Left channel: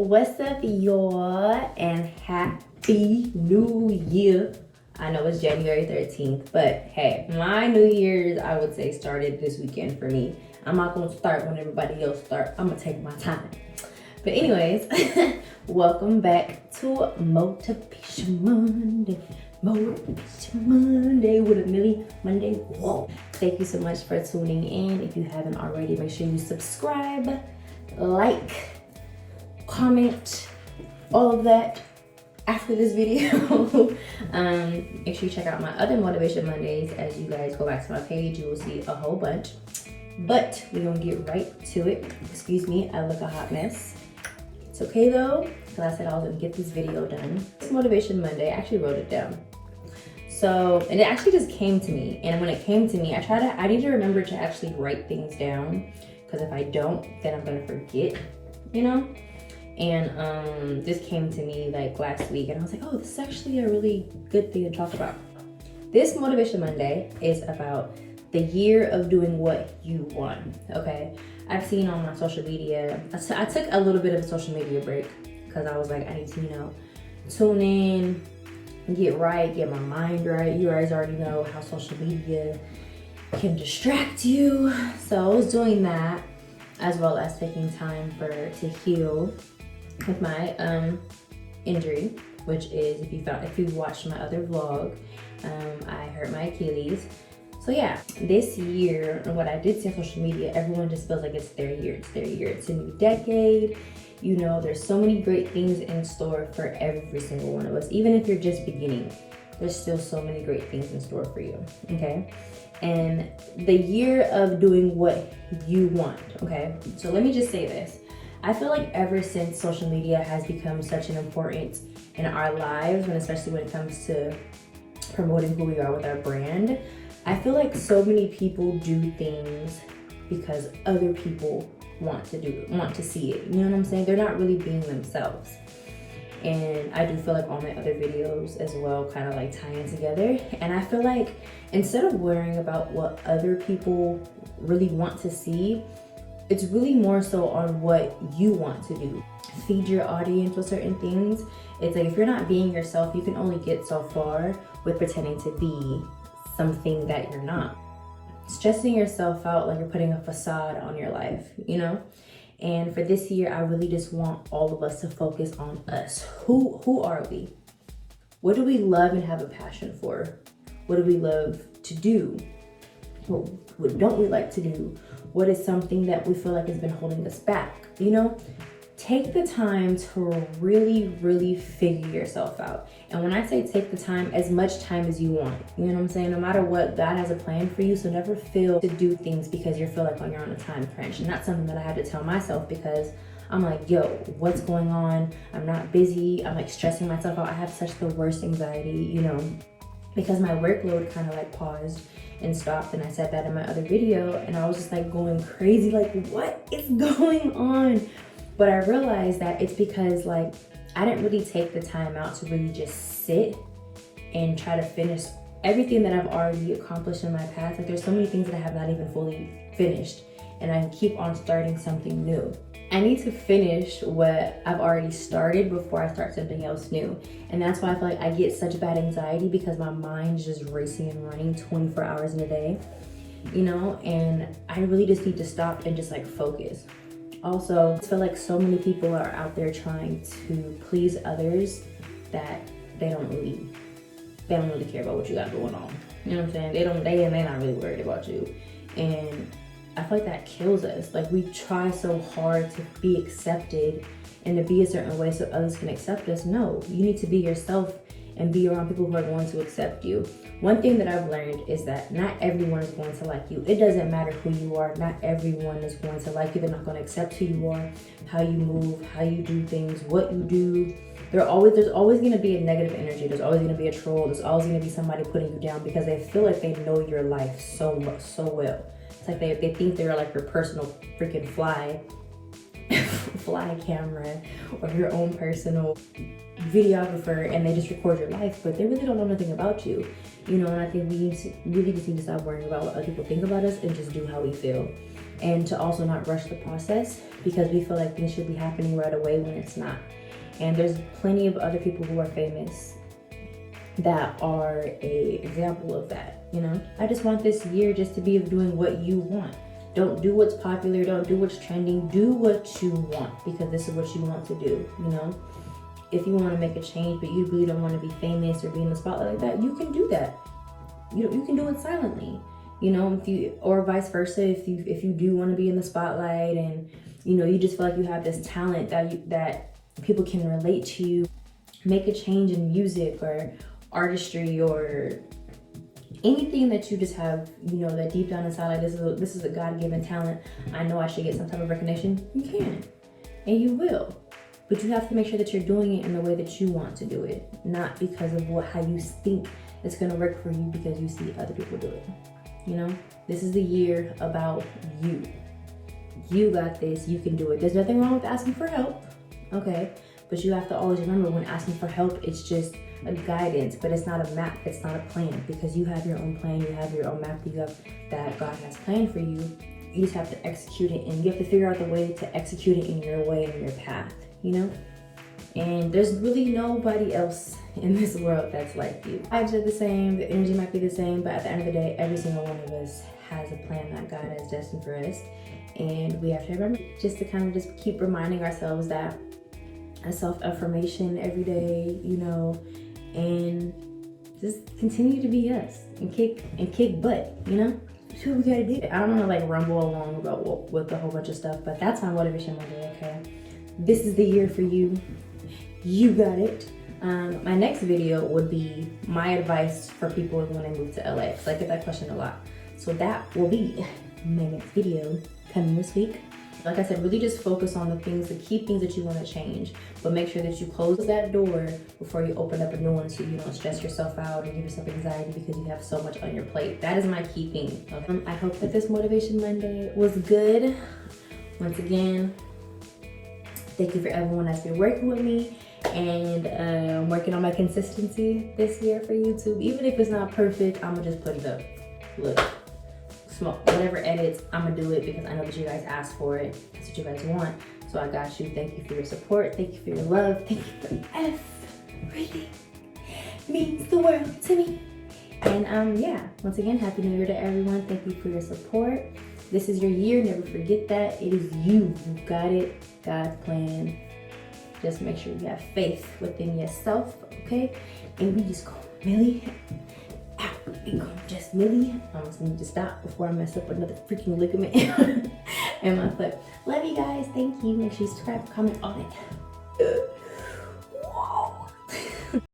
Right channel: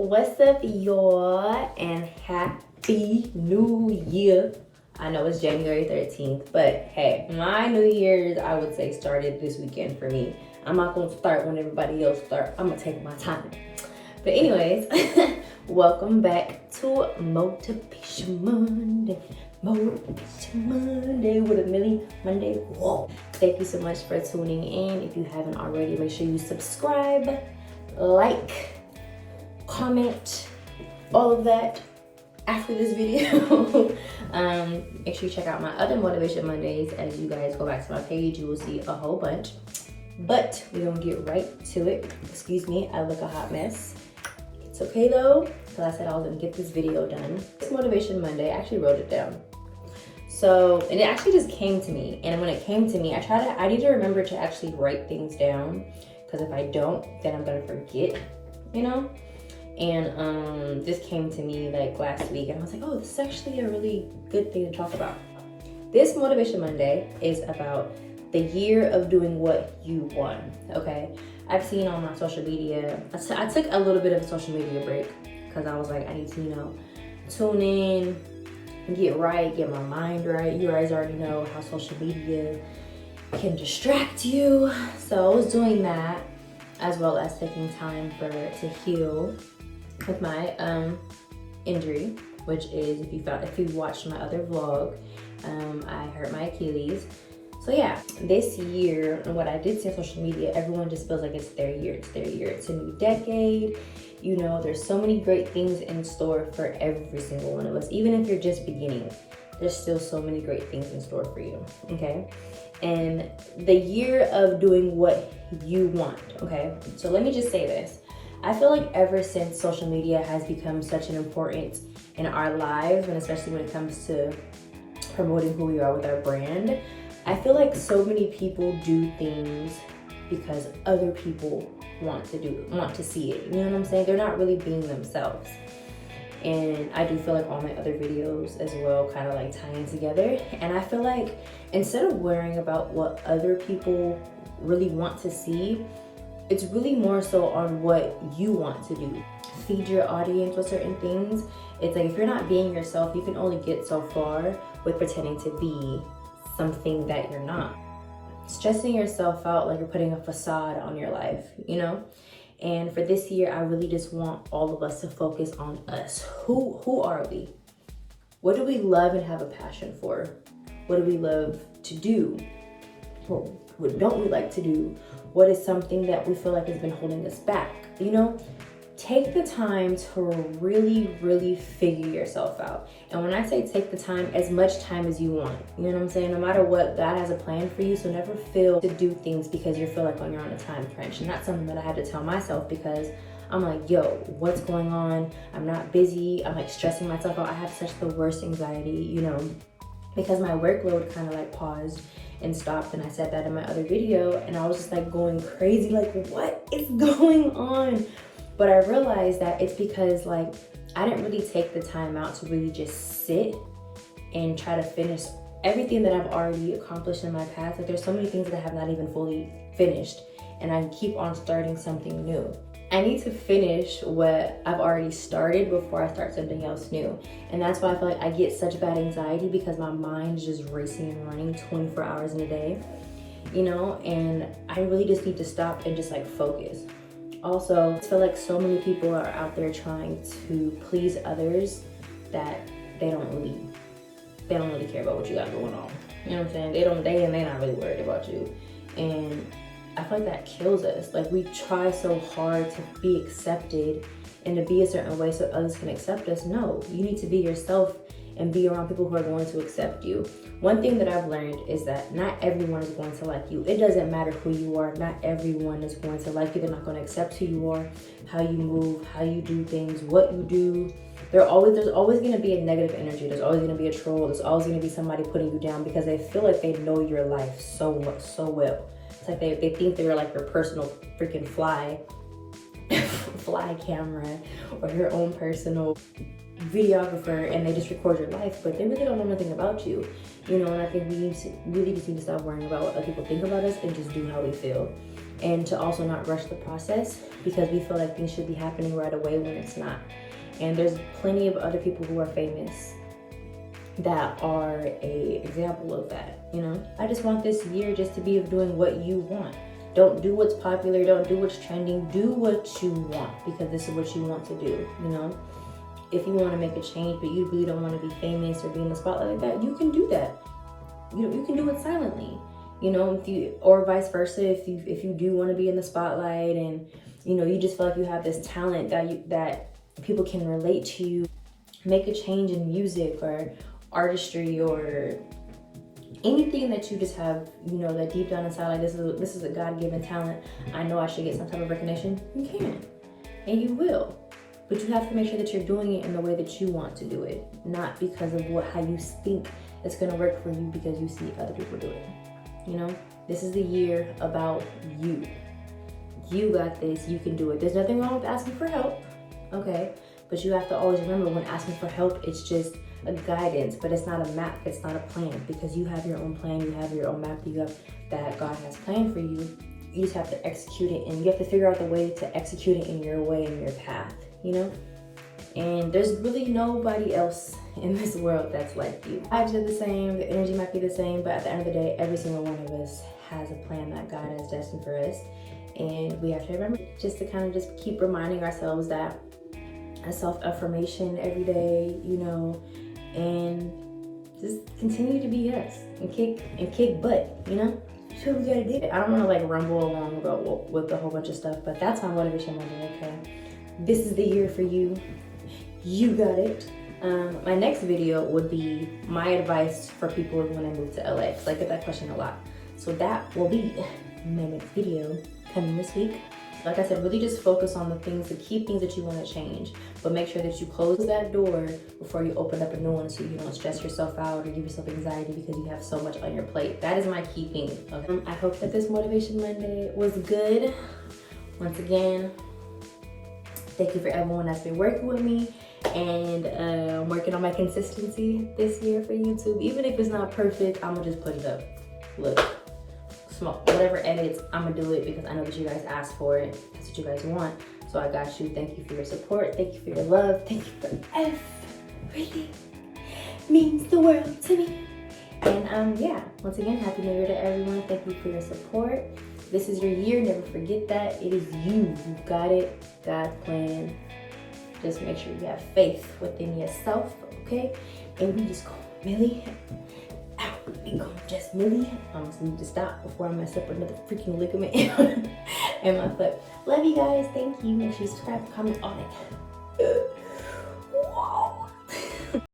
What's up, y'all, and happy new year. I know it's January 13th, but hey, my new year's, I would say, started this weekend for me. I'm not gonna start when everybody else starts. I'm gonna take my time. But anyways, welcome back to Motivation Monday. Motivation Monday with a Millie Monday. Whoa. Thank you so much for tuning in. If you haven't already, make sure you subscribe, like, comment, all of that after this video. Make sure you check out my other Motivation Mondays. As you guys go back to my page, you will see a whole bunch. But we're gonna get right to it. Excuse me, I look a hot mess. It's okay though, because I said I was gonna get this video done. It's Motivation Monday, I actually wrote it down. So, and it actually just came to me. And when it came to me, I need to remember to actually write things down, because if I don't, then I'm gonna forget, you know? And this came to me like last week, and I was like, oh, this is actually a really good thing to talk about. This Motivation Monday is about the year of doing what you want, okay? I've seen on my social media, I took a little bit of a social media break because I was like, I need to, tune in, get right, get my mind right. You guys already know how social media can distract you. So I was doing that, as well as taking time to heal with my injury, which is, if you watched my other vlog, I hurt my Achilles. So yeah, this year, and what I did see on social media, everyone just feels like it's their year. It's their year. It's a new decade. There's so many great things in store for every single one of us. Even if you're just beginning, there's still so many great things in store for you, okay? And the year of doing what you want, okay? So let me just say this. I feel like ever since social media has become such an importance in our lives, and especially when it comes to promoting who we are with our brand, I feel like so many people do things because other people want to see it. You know what I'm saying? They're not really being themselves. And I do feel like all my other videos as well kind of like tie in together. And I feel like instead of worrying about what other people really want to see, it's really more so on what you want to do. Feed your audience with certain things. It's like if you're not being yourself, you can only get so far with pretending to be something that you're not. Stressing yourself out like you're putting a facade on your life, And for this year, I really just want all of us to focus on us. Who are we? What do we love and have a passion for? What do we love to do? What don't we like to do? What is something that we feel like has been holding us back? Take the time to really, really figure yourself out. And when I say take the time, as much time as you want. You know what I'm saying? No matter what, God has a plan for you. So never feel to do things because you feel like you're on a time crunch. And that's something that I had to tell myself, because I'm like, yo, what's going on? I'm not busy. I'm like stressing myself out. I have such the worst anxiety, because my workload kind of like paused and stopped. And I said that in my other video, and I was just like going crazy, like what is going on? But I realized that it's because like I didn't really take the time out to really just sit and try to finish everything that I've already accomplished in my past. Like there's so many things that I have not even fully finished, and I keep on starting something new. I need to finish what I've already started before I start something else new. And that's why I feel like I get such bad anxiety, because my mind is just racing and running 24 hours in a day, and I really just need to stop and just like focus. Also, I feel like so many people are out there trying to please others that they don't really care about what you got going on. You know what I'm saying? They're not really worried about you. And I feel like that kills us. Like we try so hard to be accepted and to be a certain way so others can accept us. No, you need to be yourself and be around people who are going to accept you. One thing that I've learned is that not everyone is going to like you. It doesn't matter who you are. Not everyone is going to like you. They're not going to accept who you are, how you move, how you do things, what you do. There's always going to be a negative energy. There's always going to be a troll. There's always going to be somebody putting you down because they feel like they know your life so well. It's like they think they're like your personal freaking fly camera or your own personal videographer, and they just record your life, but they really don't know nothing about you, And I think we really just need to stop worrying about what other people think about us and just do how we feel. and to also not rush the process, because we feel like things should be happening right away when it's not. And there's plenty of other people who are famous that are a example of that, you know? I just want this year just to be of doing what you want. Don't do what's popular, don't do what's trending, do what you want, because this is what you want to do, you know? If you want to make a change, but you really don't want to be famous or be in the spotlight like that, you can do that. You can do it silently, you know, if you, or vice versa, if you do want to be in the spotlight and, you know, you just feel like you have this talent that people can relate to you, make a change in music or artistry or anything that you just have, you know, that deep down inside, like this is a God-given talent. I know I should get some type of recognition. You can, and you will, but you have to make sure that you're doing it in the way that you want to do it, not because of how you think it's gonna work for you because you see other people do it. You know, this is the year about you. You got this. You can do it. There's nothing wrong with asking for help, okay? But you have to always remember, when asking for help, it's just a guidance, but it's not a map, it's not a plan, because you have your own plan, you have your own map that God has planned for you. You just have to execute it, and you have to figure out the way to execute it in your way, in your path, you know? And there's really nobody else in this world that's like you. Vibes are the same, the energy might be the same, but at the end of the day, every single one of us has a plan that God has destined for us. And we have to remember just to kind of just keep reminding ourselves that a self-affirmation every day, you know, and just continue to be us and kick butt, you know? Sure, we gotta do it. I don't want to like rumble along about with a whole bunch of stuff, but that's my motivation Monday, okay? This is the year for you. You got it. My next video would be my advice for people when they move to LA, because I get that question a lot. So that will be my next video coming this week. Like I said, really just focus on the key things that you want to change, but make sure that you close that door before you open up a new one, so you don't stress yourself out or give yourself anxiety because you have so much on your plate. That is my key thing. Okay? I hope that this Motivation Monday was good. Once again, thank you for everyone that's been working with me, and I'm working on my consistency this year for YouTube. Even if it's not perfect, I'm gonna just put it up. Look. Whatever edits, I'm gonna do it because I know that you guys asked for it. That's what you guys want. So I got you. Thank you for your support. Thank you for your love. Thank you for everything. Means the world to me. And yeah, once again, Happy New Year to everyone. Thank you for your support. This is your year. Never forget that. It is you. You got it. God's plan. Just make sure you have faith within yourself, okay? And we just go really just really, I almost need to stop before I mess up another freaking ligament in my foot. Love you guys. Thank you. Make sure you subscribe, comment, all that.